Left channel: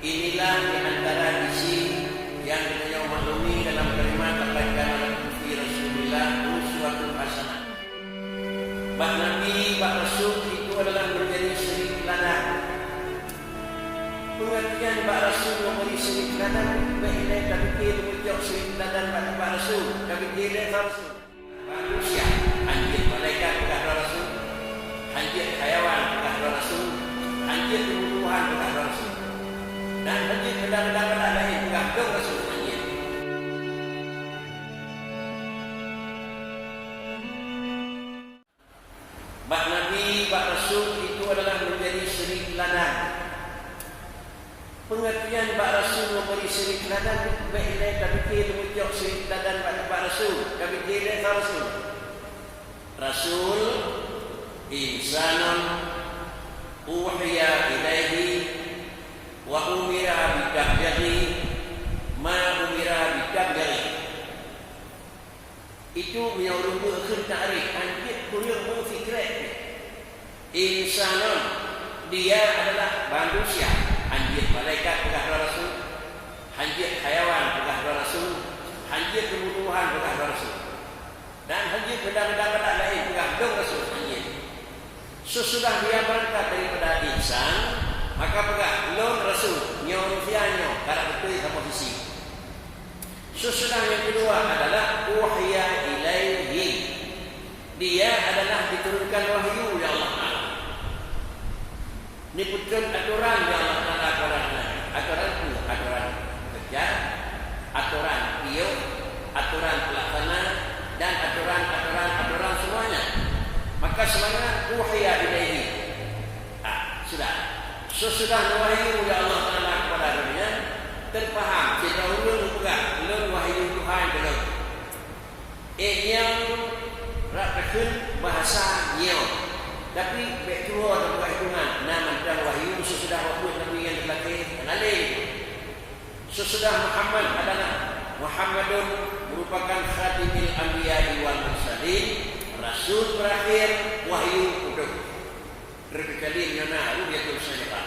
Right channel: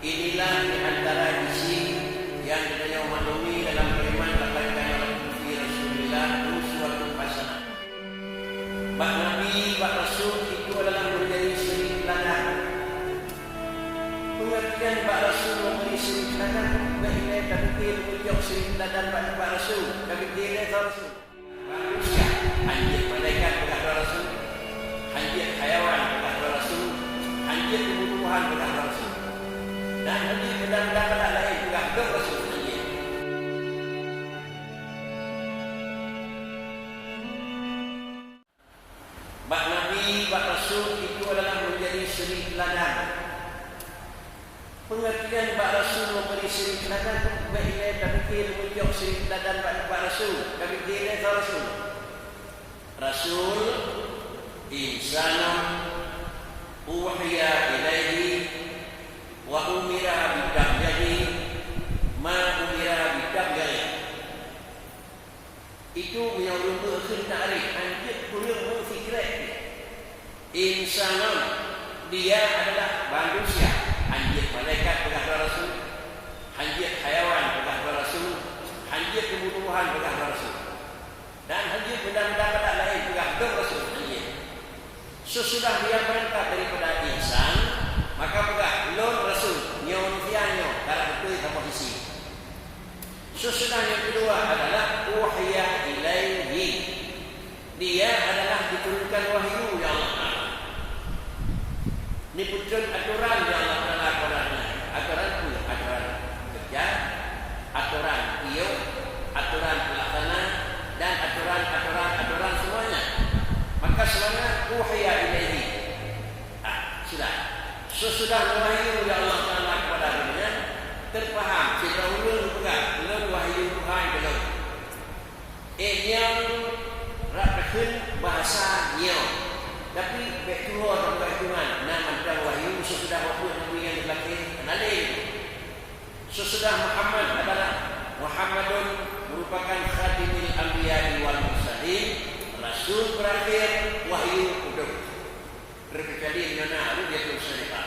Inilah di antara isi yang beliau maklumi dalam kalimat laqad kana lakum fi Rasulillah uswatun hasanah. Bak Nabi, bak Rasul itu adalah menjadi suri teladan. Pengertian bak Rasul memberi suri teladan baiknya tapi dia menunjuk suri teladan bak Rasul tapi dia Rasul. Manusia, anjing malaikat bekas Rasul, anjing hayawan bekas Rasul, anjing tumbuhan bekas Rasul. Dan anjing benda-benda lain juga bekas Rasul anjing. Bak Nabi, bak Rasul itu adalah menjadi suri teladan. Pengertian bak Rasul memberi suri teladan itu baiknya tapi dia menunjuk suri teladan bak Rasul tapi dia Rasul. Rasul insanun uhiya ilaihi wa umira bidabghi ma umira bidabghi. Itu menyuruh akhir ta'rif anjir kurang berfikirat. Insanun, dia adalah manusia. Anjir malaikat bekas Rasul, anjir hayawan bekas Rasul, anjir tumbuhan bekas Rasul, dan anjir benda-benda lain bekas Rasul anjir. Sesudah dia berangkat daripada insan, maka pegang lon Rasul, nyon fianyo, cara betul sama visi. Sesudah yang kedua adalah wahya ilaihi. Dia adalah diturunkan wahyu ya Allah Ta'ala. Ini betul aturan ya Allah Ta'ala kepada Nabi. Aturan kerja, aturan tiup, aturan pelaksana, dan aturan semuanya. Maka semuanya wahya ilaihi. Sudah. Sesudah wahyu ya Allah Ta'ala kepada Nabi, terpaham kita ulun pegang ulun wahyu Tuhan belum yang rakun bahasa nyo tapi baik Tuhan dan bukan Tuhan nama dan wahyu sesudah waktu Nabi yang dilaki kenali sesudah Muhammad adalah Muhammadun merupakan khatimil anbiya'i wal mursalin, rasul berakhir wahyu udah terkecuali nyana dia terus saja.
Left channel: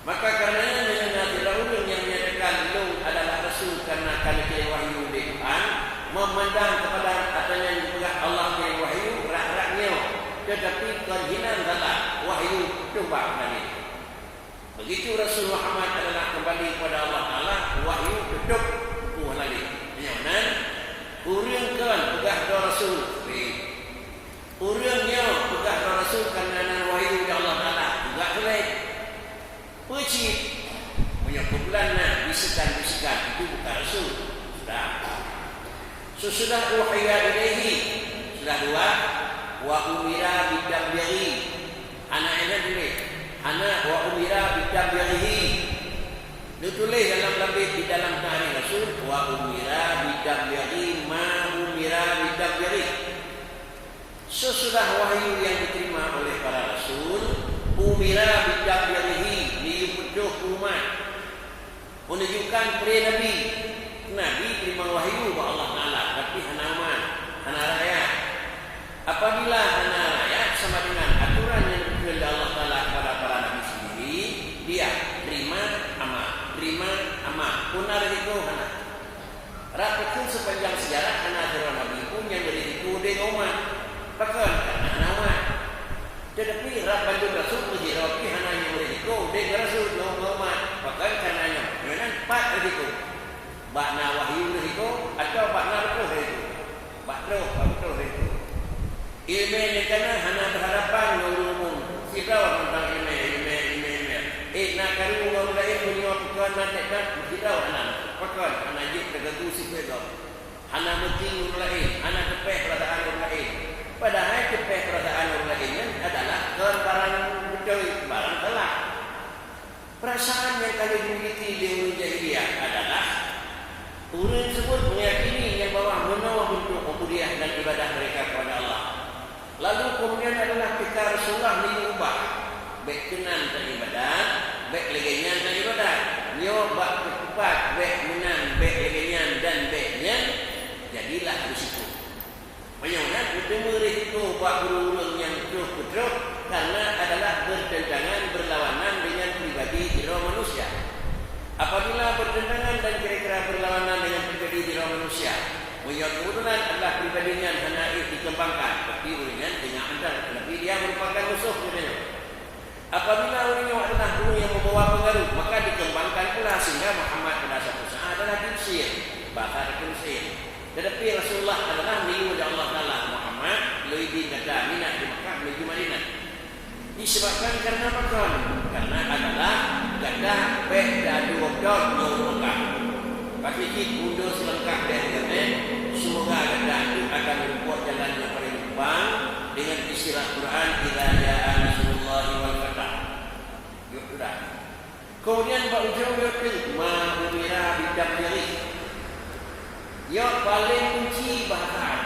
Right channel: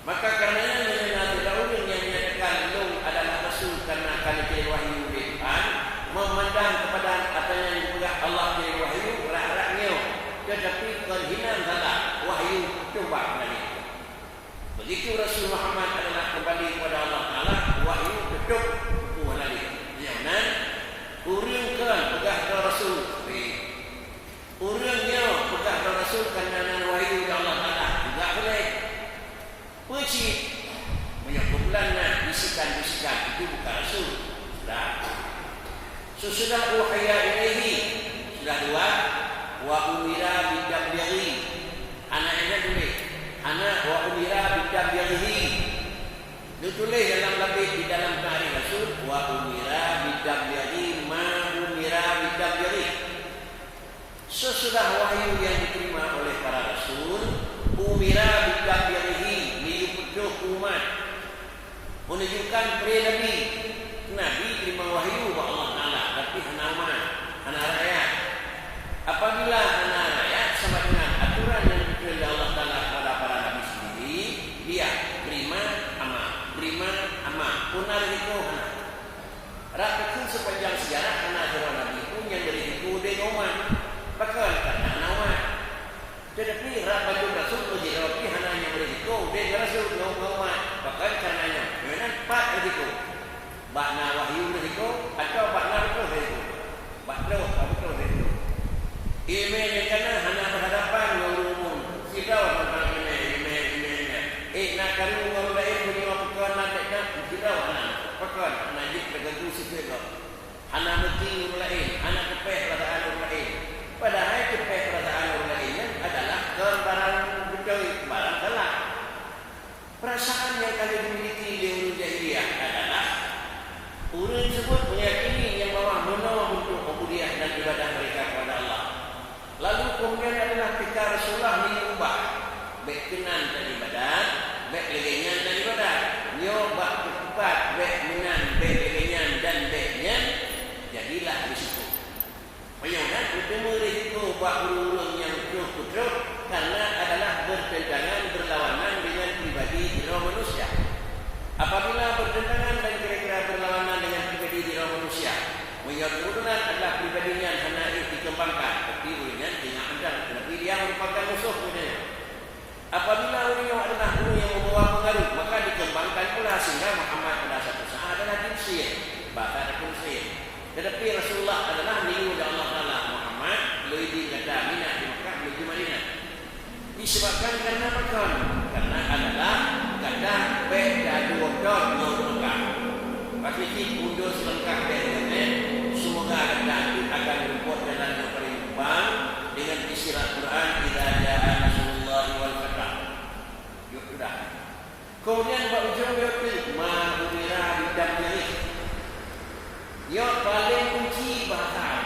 Maka karenanya dengan ulun yang menyatakan lu adalah Rasul karena kali kirim wahyu di Tuhan, memandang kepada atanya yang dipegang Allah kirim wahyu rak-raknya, tetapi kehinaan salah wahyu coba kali. Begitu Rasul Muhammad adalah kembali kepada Allah Ta'ala, wahyu tutup lagi. Yang urangkan pegang Rasul, urangnya pegang Rasul karena wahyu dari Allah Ta'ala juga boleh. Pecik menyebutkannya bisikan-bisikan itu bukan Rasul. Sesudah wahya ilaihi sudah dua wa umira bidabghi. Anak-anak tulis anak wa umira bidabghi. Ditulis dalam lebih di dalam tarikh Rasul wa umira bidabghi ma umira bidabghi. Sesudah wahyu yang diterima oleh para Rasul umira bidabghi diupeduh umat menunjukkan kepada Nabi terima wahyu kepada Allah Ta'ala tapi hana umat, hana rakyat. Apabila hana rakyat sama dengan aturan yang diberikan oleh Allah Ta'ala kepada para Nabi sendiri, dia terima amal punar itu hana rakyat sepanjang sejarah hana aturan Nabi pun yang berisiko dengan umat bahkan karena hana umat. Tetapi Rabbul Rasul menjadi hanya yang berisiko dengan Rasul umat bahkan karenanya dengan empat berisiko bakna wahyu berisiko atau bakna betul berisiko betul berisiko ilmu yang kena hanya berhadapan dengan umum sirau tentang ilmu nak karu orang lain punya pekan nak tak sirau anak pekan anak jik terganggu sikit hanya mesti orang lain hanya tepeh perasaan orang lain. Padahal tepeh perasaan orang lain adalah barang betul, barang salah. Perasaan yang kalian dimiliki di orang jahiliyah adalah orang tersebut meyakini yang bawah menawa bentuk ubudiyah dan ibadah mereka kepada Allah. Lalu kemudian adalah ketika Rasulullah diubah, baik kenan dan ibadat, baik legenyan dan ibadat. Nyo bak keempat, baik menan, baik legenyan dan baiknya, jadilah risiko. Menyunan utama risiko bak urung yang terus karena adalah bertentangan berlawanan dengan pribadi hero manusia. Apabila bertentangan dan kira-kira berlawanan dengan pribadi diri manusia, menurut kemudian adalah pribadinya hendak dikembangkan, tapi ulingnya dengan andal, tetapi dia merupakan musuh dunia. Apabila ulingnya adalah guru yang membawa pengaruh, maka dikembangkan pula sehingga Muhammad pada satu saat adalah kimsir, bahkan kimsir. Tetapi Rasulullah adalah milik Allah Taala. Muhammad lebih kata minat di Makkah menuju Madinah. Disebabkan karena apa? Karena adalah kata beda dua dot Makkah. Tapi jika undur selengkap dengan semoga kata itu akan membuat jalan yang paling depan dengan istilah Quran idza jaa nasrullahi wal fath. Yuk sudah. Kemudian ujung itu ma umira bidamri. Yang paling kunci bahasa.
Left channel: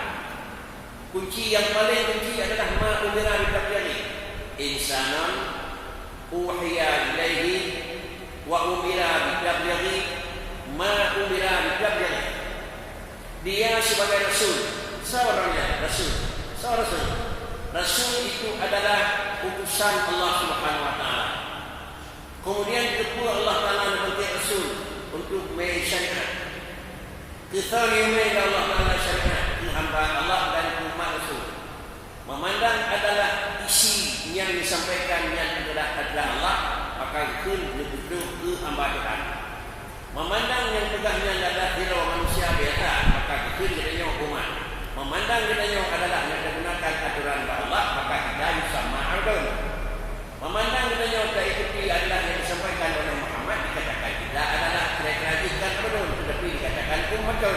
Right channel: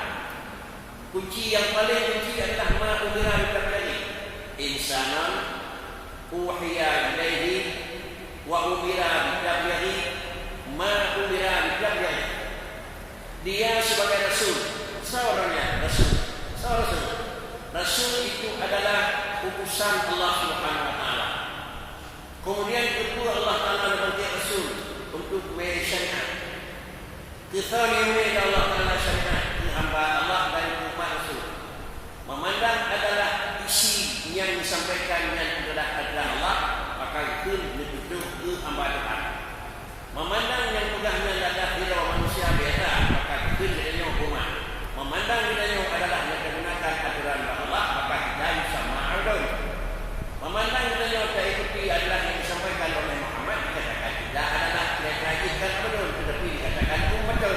Kunci yang paling kunci adalah ma umira bidamri. Insanan uhiya ilaihi wa umira bidamri ma umira bidamri. Dia sebagai rasul, seorangnya rasul. Rasul itu adalah utusan Allah Subhanahu wa taala. Kemudian itu Allah Taala membentuk rasul untuk mensyariat. Kesalihan Allah Taala syariat hamba Allah dan umat rasul. Memandang adalah isi yang disampaikan yang adalah hadrat Allah, maka itu betul ke hamba Tuhan. Memandang yang pegahnya adalah hira manusia biasa, maka itu jadinya umat. Memandang jadinya adalah yang menggunakan aturan Allah, maka kita sama adun. Memandang jadinya tak ikuti adalah yang disampaikan oleh Muhammad, dikatakan tidak adalah kira-kira betul, tetapi dikatakan betul.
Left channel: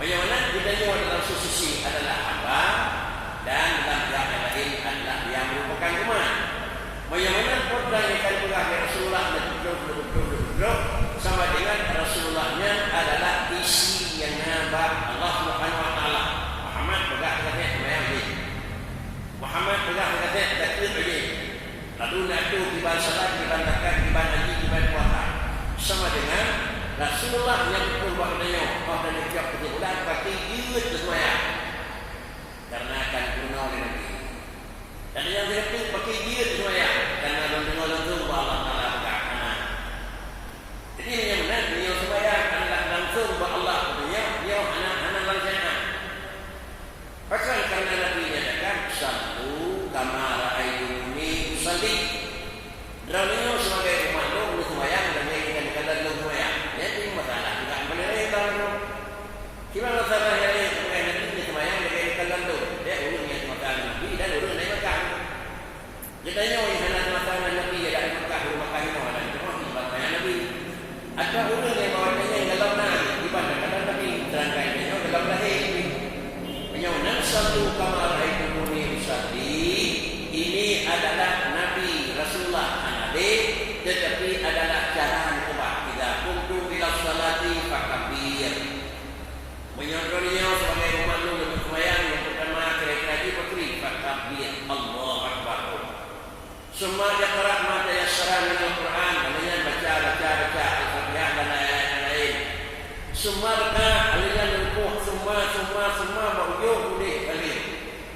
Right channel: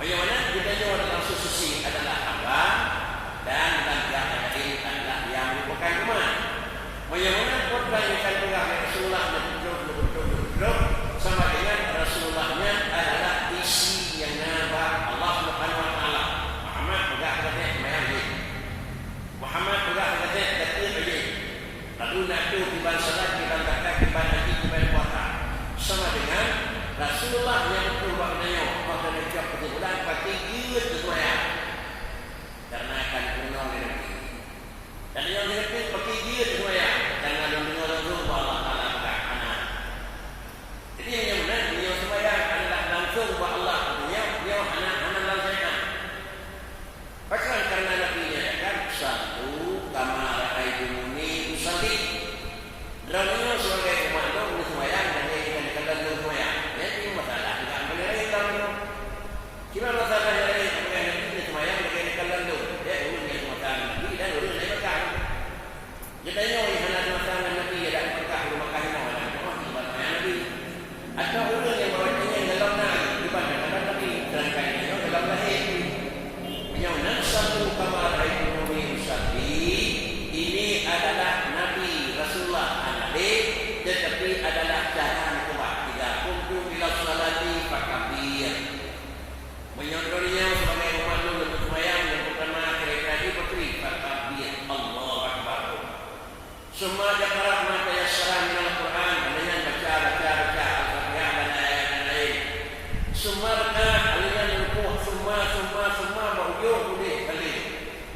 Bagaimana jadinya dalam sisi adalah hamba dan dalam pihak lain adalah yang merupakan umat. Bagaimana kodang yang akan pegang Rasulullah dan betul sama dengan Rasulullahnya adalah isi yang nabak Allah Subhanahu wa taala. Muhammad pegang katanya semayang ni. Muhammad pegang katanya takbir lagi. Lalu nak tu kiban salat, kiban zakat, kiban haji, kiban puasa. Sama dengan Rasulullah yang betul buat katanya. Oh dan setiap perbulan pasti giut semayang. Karena akan penuh oleh Nabi. Dan yang direktif pakai giut semayang. Karena langsung Allah Taala pegang anak. Jadi yang benar, beliau sembahyang adalah langsung buat Allah. Beliau anak langsung. Pasal karena Nabi nyatakan sallu kama ra'aitumuni usalli. Beliau sebagai umat itu sembahyang dan menginginkan kalian sembahyang. Jadi masalah tidak boleh lain. Cuma masalah yang lain sebagai Nabi sembahyang dengan kalian itu. Dia urusnya masalah Nabi dan urus naik Makkah. Jadinya yang hanya masalah Nabi ada Makkah, Makkah ini ada masalah Nabi. Ada orang yang bawanya yang dalam naik ibadah dalam Nabi terangkannya dalam lahir. Menyaunan satu kamar haidumuni usalli. Ini adalah Nabi Rasulullah Nabi, tetapi adalah cara mengubah. Jika kuntum ila salati fakabir. Menyodornya sebagai umat yang sembahyang yang pertama kira-kira dipatri fakabir. Allahu Akbar. Semua jakarat mata yassara min al-Quran. Hanya baca Al-Fatihah dan ayat-ayat lain. Semua benar aliran rukuh, semua berujung boleh kali.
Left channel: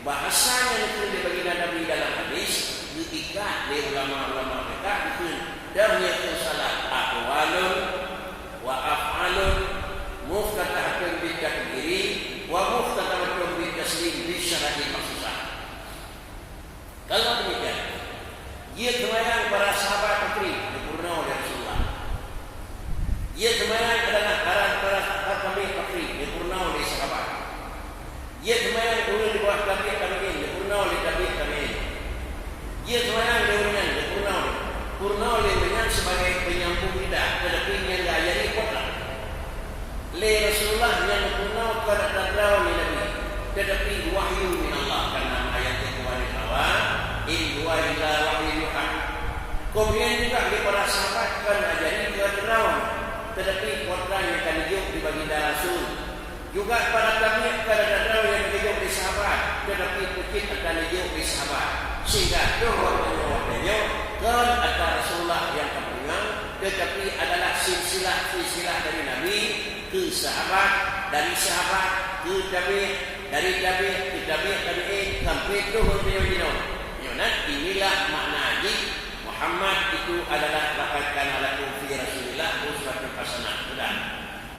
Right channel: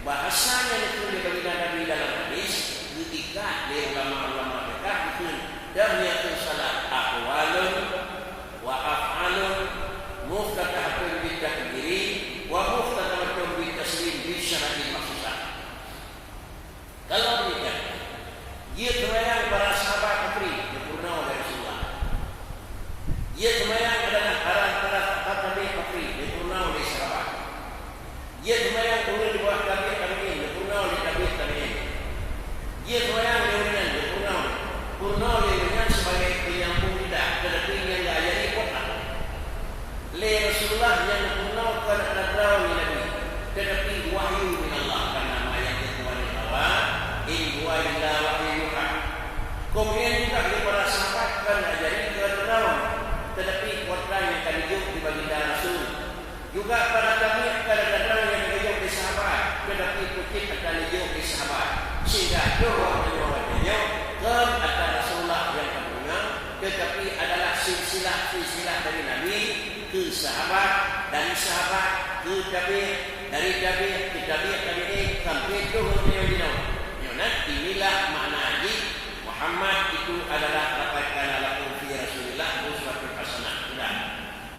Bahasanya itu dibagi Nabi dalam hadis diikat oleh ulama-ulama mereka itu dahiyatun salat aqwalun wa af'alun muftatahatun bitakbiri wa muftatahatun bitaslim bi syar'i maksudah. Kalau demikian, dia sembahyang para sahabat Nabi sempurna oleh Rasulullah. Dia sembahyang adalah arahan para sahabat Nabi sempurna oleh sahabat. Dia sembahyang oleh di bawah tabi'in sempurna oleh tabi'in. Dia sembahyang sempurna oleh dengan sebagai penyambung lidah, tetapi yang diajari kuatlah. Le Rasulullah yang sempurna kepada tadrawani Nabi, tetapi wahyu min Allah karena ayat yang Allah in huwa illa wahyu yuha. Kemudian juga di para sahabat kan ajari keterangan, tetapi kuatan yang akan hidup di baginda Rasul. Juga para tabi'in pada keterangan yang hidup di sahabat, tetapi kutip akan hidup di sahabat. Sehingga doa-doa kan ada Rasulullah yang terpunyang, tetapi adalah silsilah dari Nabi ke sahabat, dari sahabat ke tabi'in, dari tabi'in ke tabi'in sampai ke beliau. Inilah makna hadis Muhammad itu adalah laqad kana lakum fi